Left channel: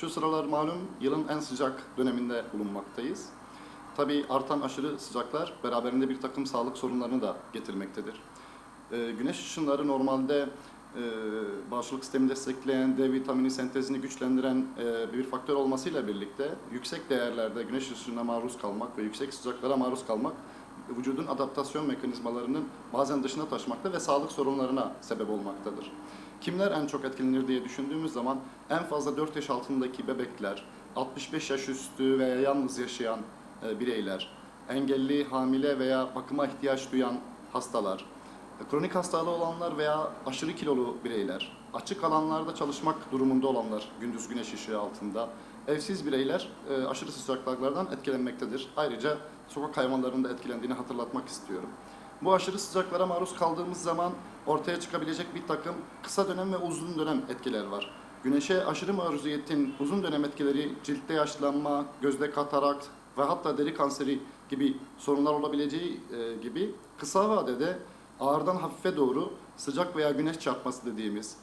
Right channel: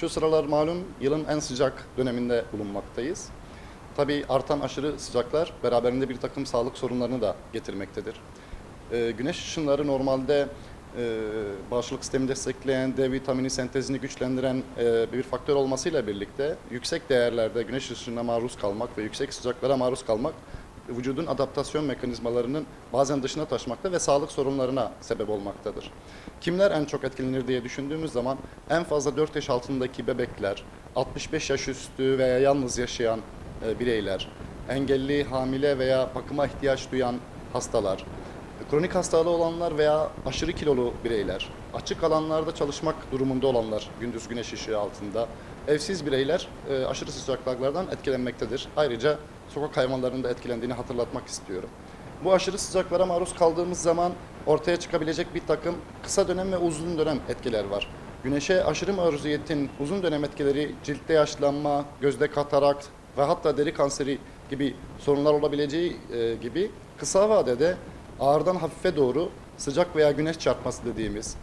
Şu sıralar malum yılın en sıcak döneminde bulunmaktayız. Tabii artan aşırı sıcaklar beraberinde bir takım sağlık sorunlarını da getirmektedir. Ee, güneş ışınları normalde e, bağışıklık sistemini destekleyen, D vitamini sentezini güçlendiren e, bir faktör olmasıyla birlikte yüksek değerlerde güneş ışığına maruz kalmak ve yüksek sıcaklara maruz kalmak vücudun adaptasyon mekanizmalarının bazen dışına taşmakta ve sağlık sorunlarına sebep olmaktadır. Kimler en çok etkilenir diye düşündüğümüz zaman en fazla 4 yaş altındaki bebekler, 65 yaş üstü veya yalnız yaşayan e, bireyler, engelli, hamile veya bakıma ihtiyaç duyan hastalar, kronik hastalığı olanlar veya aşırı kilolu bireyler, açık alanlarda çalışmak durumunda olanlar gündüz güneş ışığı altında, evsiz bireyler e, aşırı sıcaklıklardan etkilenmektedir. Ayrıca sokak hayvanlarının da etkilendiğini hatırlatmak istiyorum. Bu aşırı sıcaklara maruz kaldığımız zaman ortaya çıkabilecek bir takım kısa dönem ve uzun dönem etkiler var. Güneşe aşırı maruziyetin uzun dönem etkileri ciltte yaşlanma, gözde katarakt ve hatta deri kanseri gibi sorunlar olabileceği e, gibi kısa vadede ağırdan hafife doğru sıcak veya güneş çarpması dediğimiz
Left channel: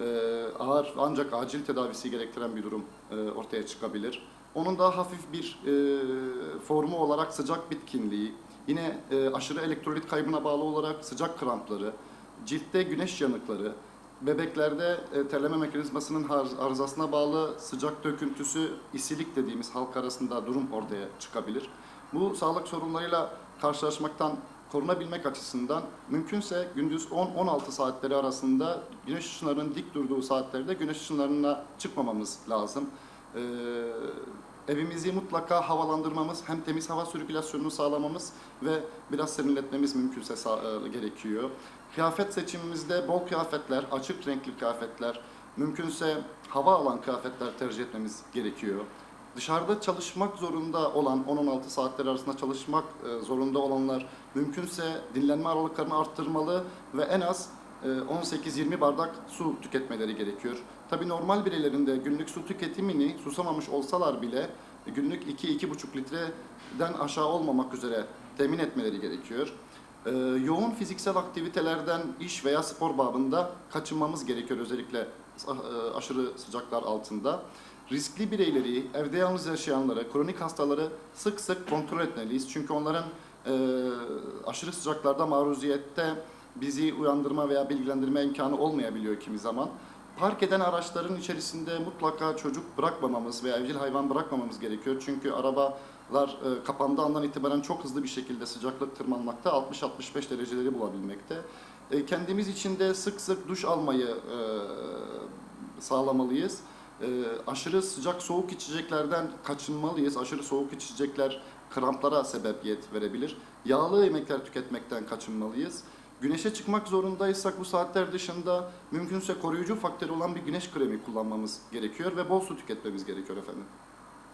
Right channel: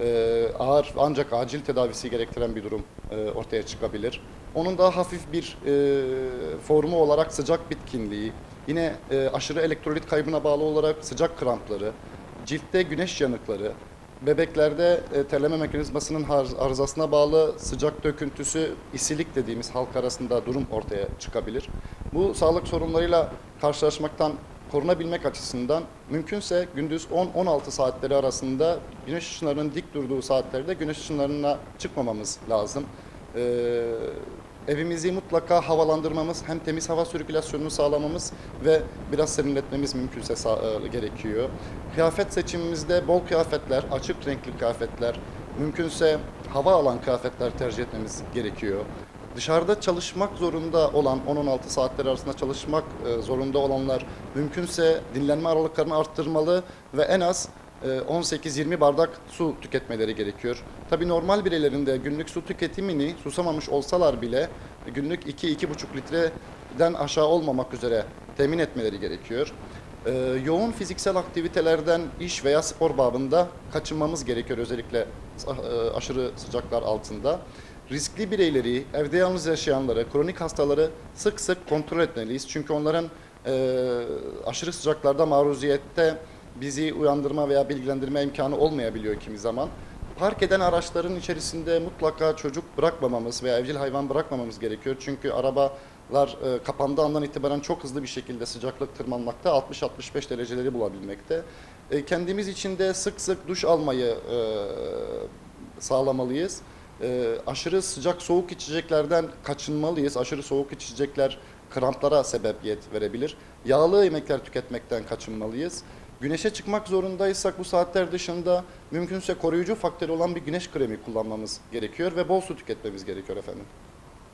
e, ağır ancak acil tedavisi gerektiren bir durum e, ortaya çıkabilir. Onun daha hafif bir formu olarak sıcak bitkinliği, yine e, aşırı elektrolit kaybına bağlı olarak sıcak krampları, ciltte güneş yanıkları, bebeklerde e, terleme mekanizmasının arızasına bağlı sıcak döküntüsü, isilik dediğimiz halk arasında durum ortaya çıkabilir. Bu sağlık sorunlarıyla karşılaşmaktan korunabilmek açısından mümkünse gündüz 10-16 saatleri arasında güneş ışınlarının dik durduğu saatlerde güneş ışınlarına çıkmamamız lazım. Ee, evimizi mutlaka havalandırmamız, hem temiz hava sirkülasyonunu sağlamamız ve biraz serinletmemiz mümkünse e, gerekiyor. Kıyafet seçimimizde bol kıyafetler, açık renkli kıyafetler, mümkünse hava alan kıyafetler tercih etmemiz gerekiyor. Dışarıda çalışmak zorunda olan 10-16 saatler arasında çalışmak e, zorunda olanlar mümkünse dinlenme aralıklarını arttırmalı ve en az 18-20 bardak su tüketmeleri gerekiyor. Tabi normal bireylerin de günlük su tüketimini susamamış olsalar bile günlük 2-2,5 litreden aşağı olmamak üzere temin etmeleri gerekiyor. E, yoğun fiziksel aktivitelerden iş veya spor babında kaçınmamız gerekiyor özellikle e, aşırı sıcaklar altında. Riskli bireyleri, evde yalnız yaşayanları, kronik hastaları sık sık kontrol etmeliyiz. Çünkü onların e, aşırı sıcaklarda maruziyette bizi uyandırma veya bilgilendirme imkanı olmayabiliyor kimi zaman. Park eden araçların içerisinde mutlaka çocuk bırakmamamız veya evcil hayvan bırakmamamız gerekiyor. Çünkü arabalar e, kapandığı andan itibaren çok hızlı bir şekilde sıcaklık tırmanmakta, 60-65 dereceleri bulabilmekte. E, kendimiz için de sık sık duş almayı e, sağlamalıyız. E, aşırı sıcak soğuk içeceklerden kaçınmalıyız. Aşırı soğuk içecekler kramplara sebebiyet verebilir. Yağlı yemekler tüketmekten kaçınmalıyız. Güneşe çıkmak zorundaysak bu saatler dışında mümkünse koruyucu faktörü olan bir güneş kremi kullanmamız gerekiyor ve bol su tüketmemiz gerekiyor efendim.